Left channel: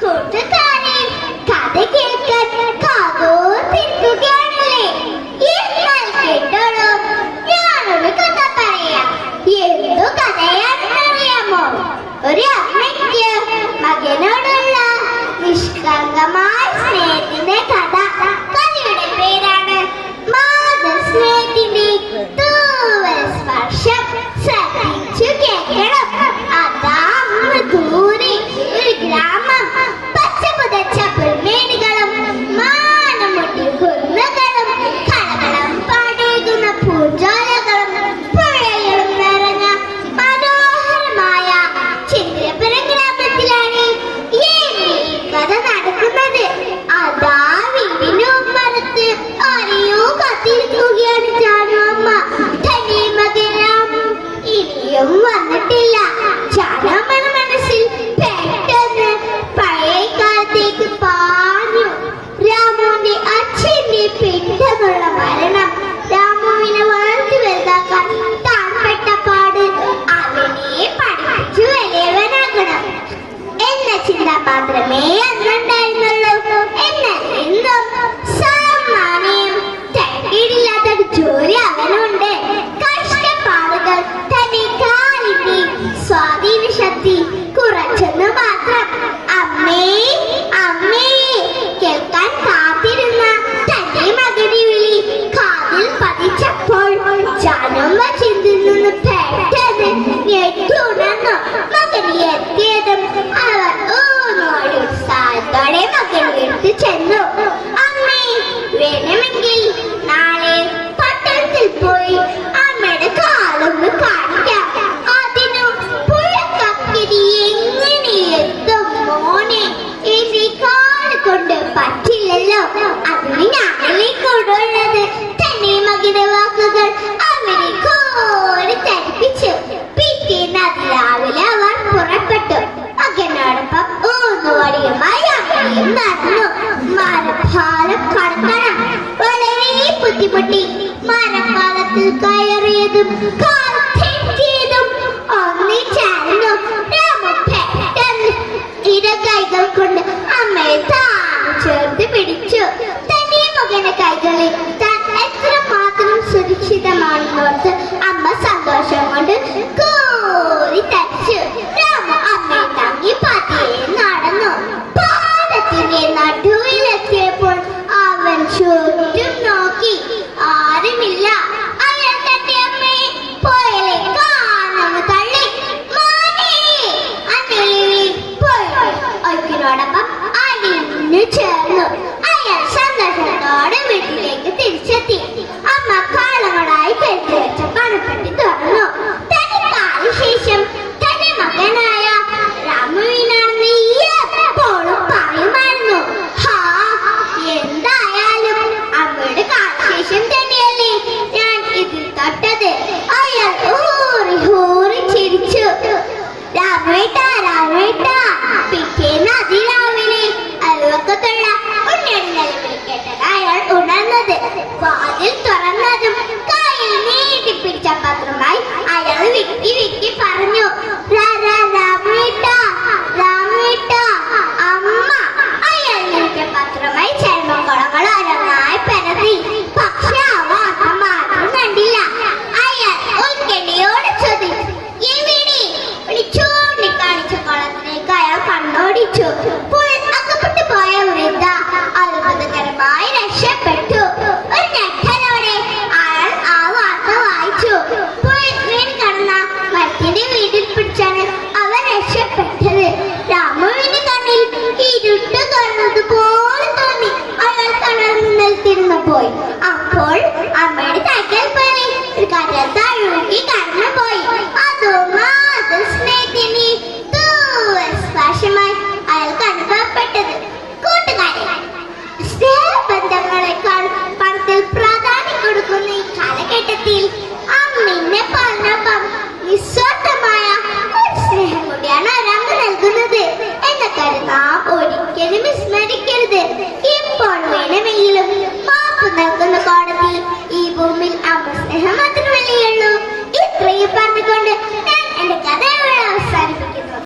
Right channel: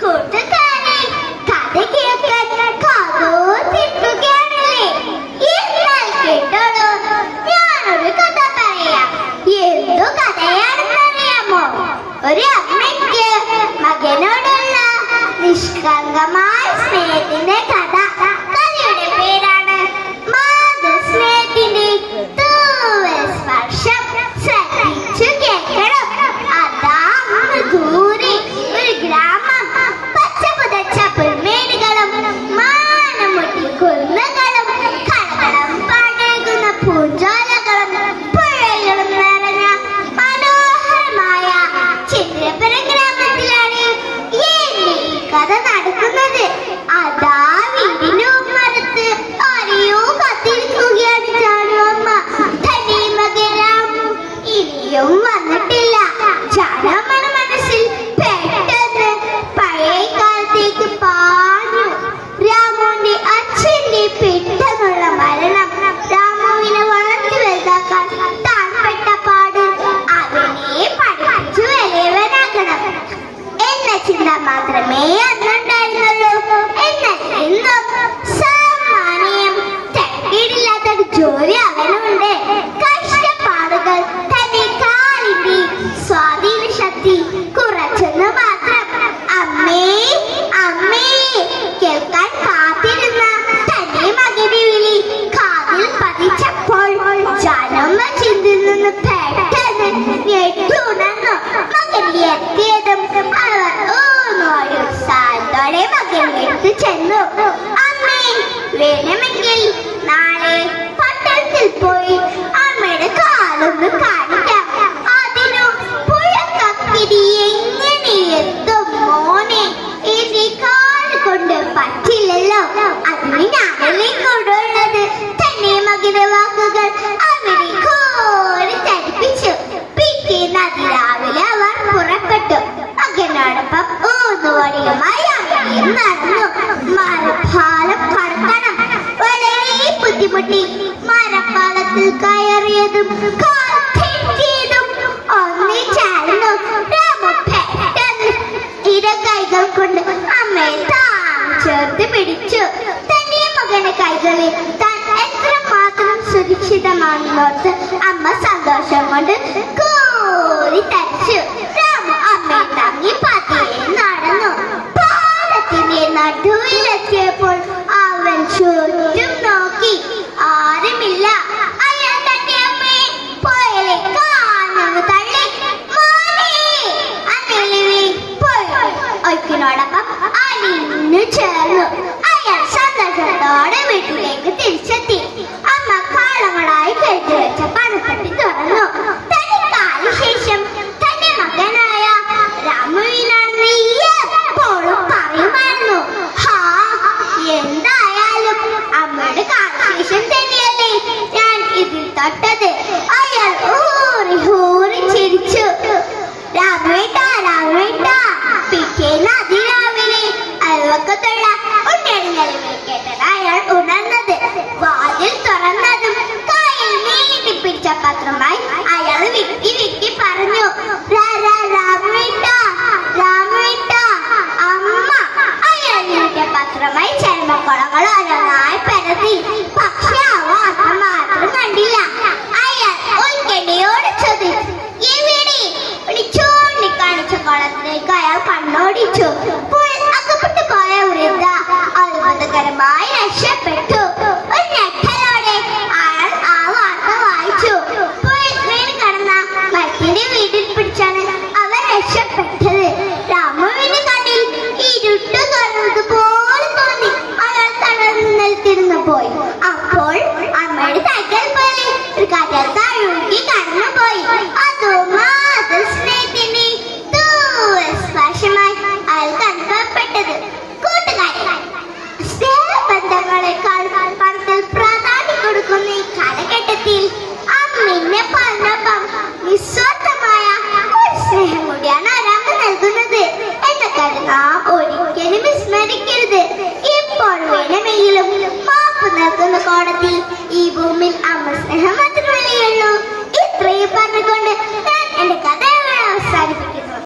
കൂട്ടുകാരെ കഥ കേൾക്കാൻ കാതോർത്തിരിക്കുകയാണല്ലേ? എന്നാൽ കേട്ടോളൂ, ഞാനൊരു കഥ പറയാം. എന്തു കഥയാണെന്നറിയാമോ? ഒരു അമ്മയ്ക്ക് മകനോടുള്ള നിഷ്കളങ്കമായ സ്നേഹത്തിന്റെ കഥ. കഥയുടെ പേരാണ് മാതൃസ്നേഹത്തിന്റെ തൂവൽ സ്പർശം. ശ്രദ്ധിച്ചു കേൾക്കണം. അതാ ദൂരെ ഒരു ഗ്രാമം. പച്ച പുതച്ച പുൽമേടുകളും മാനമുട്ടി കുന്നുകളും കളകളം പാടേകുന്ന പൂഞ്ചോലകളും പുഴകളും നിറഞ്ഞ മനോഹരമായ ചിത്രപുരം ഗ്രാമത്തിലാണ് ഈ കഥ നടക്കുന്നത്. അതാ വീടിന് മരത്ത് ആരെയോ കാത്തിരിക്കുകയാണ് ജാനു അമ്മ. തന്റെ മകൻ രാമു ഇനിയും വന്നിട്ടില്ല. ജാനമ്മയുടെ മനസ്സിൽ പെട്ടെന്ന് പഴയ കാലത്തേക്ക് പാഞ്ഞു. രാമുവിന്റെ അച്ഛന്റെ പെട്ടെന്നുള്ള മരണം രാമുവിനെ വളർത്തി വലുതാക്കാൻ താൻ പെട്ട പാട്. അവനെ പഠിപ്പിച്ചു വലിയവനാകണം എന്ന ചിന്ത മാത്രമേ അന്നുണ്ടായിരുന്നുള്ളൂ. എന്നാൽ ഇന്നും സാമാന്യം തരക്കേടില്ലാത്തൊരു ജോലി അവനുണ്ട്. കഷ്ടപ്പാടുകൾ തന്റെ കാലിന്റെ സ്വാധീന ശക്തി കുറച്ചെന്ന് മാത്രം. അമ്മേ അമ്മേ കേൾക്കാൻ കാത്തിരുന്ന തന്റെ മകന്റെ വിളി കാതിൽ പതിച്ചപ്പോൾ ജാനമ്മ ചിന്തയിൽ നിന്ന് പെട്ടെന്ന് ഞെട്ടുണർന്നു. മകൻ എത്തിയതും അവർ ഊന്നോട് ഉത്സാഹത്തോടെ മകന്റെ അടുത്ത് ചെന്നു. അമ്മേ, വേണമെങ്കിൽ നാളെ പട്ടണത്തിൽ പോയി അമ്മയുടെ കാലൊന്ന് കാണിക്കാം. അതിനു പുഴക്കക്കിരി എങ്ങനെ എത്തും മോനെ? എന്റെ കാല് കൊണ്ട് പറ്റില്ലല്ലോ. അതിന് ഞാനല്ലേ കൂടുള്ളത്. തന്നെ മകന്റെ വാക്കുകൾ അവരെ കോരി തടിപ്പിച്ചു. പിറ്റേന്ന് അതിരാവിലെ അവർ പുറപ്പെട്ടു. മകനോടൊപ്പം ഊന്നുവടിയുമായി അമ്മയും നടന്നു. മരപ്പാലം കടക്കണം. വളരെ ബുദ്ധിമുട്ടി. മരപ്പാലത്തിൽ കയറിയതും കാൽ തെറ്റിയതും ഒന്നിച്ചായിരുന്നു. രാമു പെട്ടെന്ന് ഇടകൈകൾ കൊണ്ട് അമ്മയെ ചേർത്ത് പിടിച്ചു. തന്റെ മകന്റെ കൈകളിൽ താൻ എത്രമാത്രം സുരക്ഷിതമാണെന്നോർത്ത് അമ്മ സന്തോഷം കൊണ്ട് കോരി തച്ചു. രാമു അമ്മയെ താങ്ങി പതിയെ നടന്നു. പാലത്തിന്റെ നടുവിലെത്തിയപ്പോൾ അവൻ ചുറ്റും നോക്കി. ആരുമില്ല. അയാൾ തന്റെ അമ്മയെ പോയലെ കാനൊന്ന് തള്ളി. മോനെ അന്നലി പോയി ഒയ്ക്കിനോടൊപ്പം അലിഞ്ഞു ചേർന്നു. അയാൾ സന്തോഷത്തോടെ വീട്ടിലേക്ക് തിരിച്ചെത്തി. അമ്മ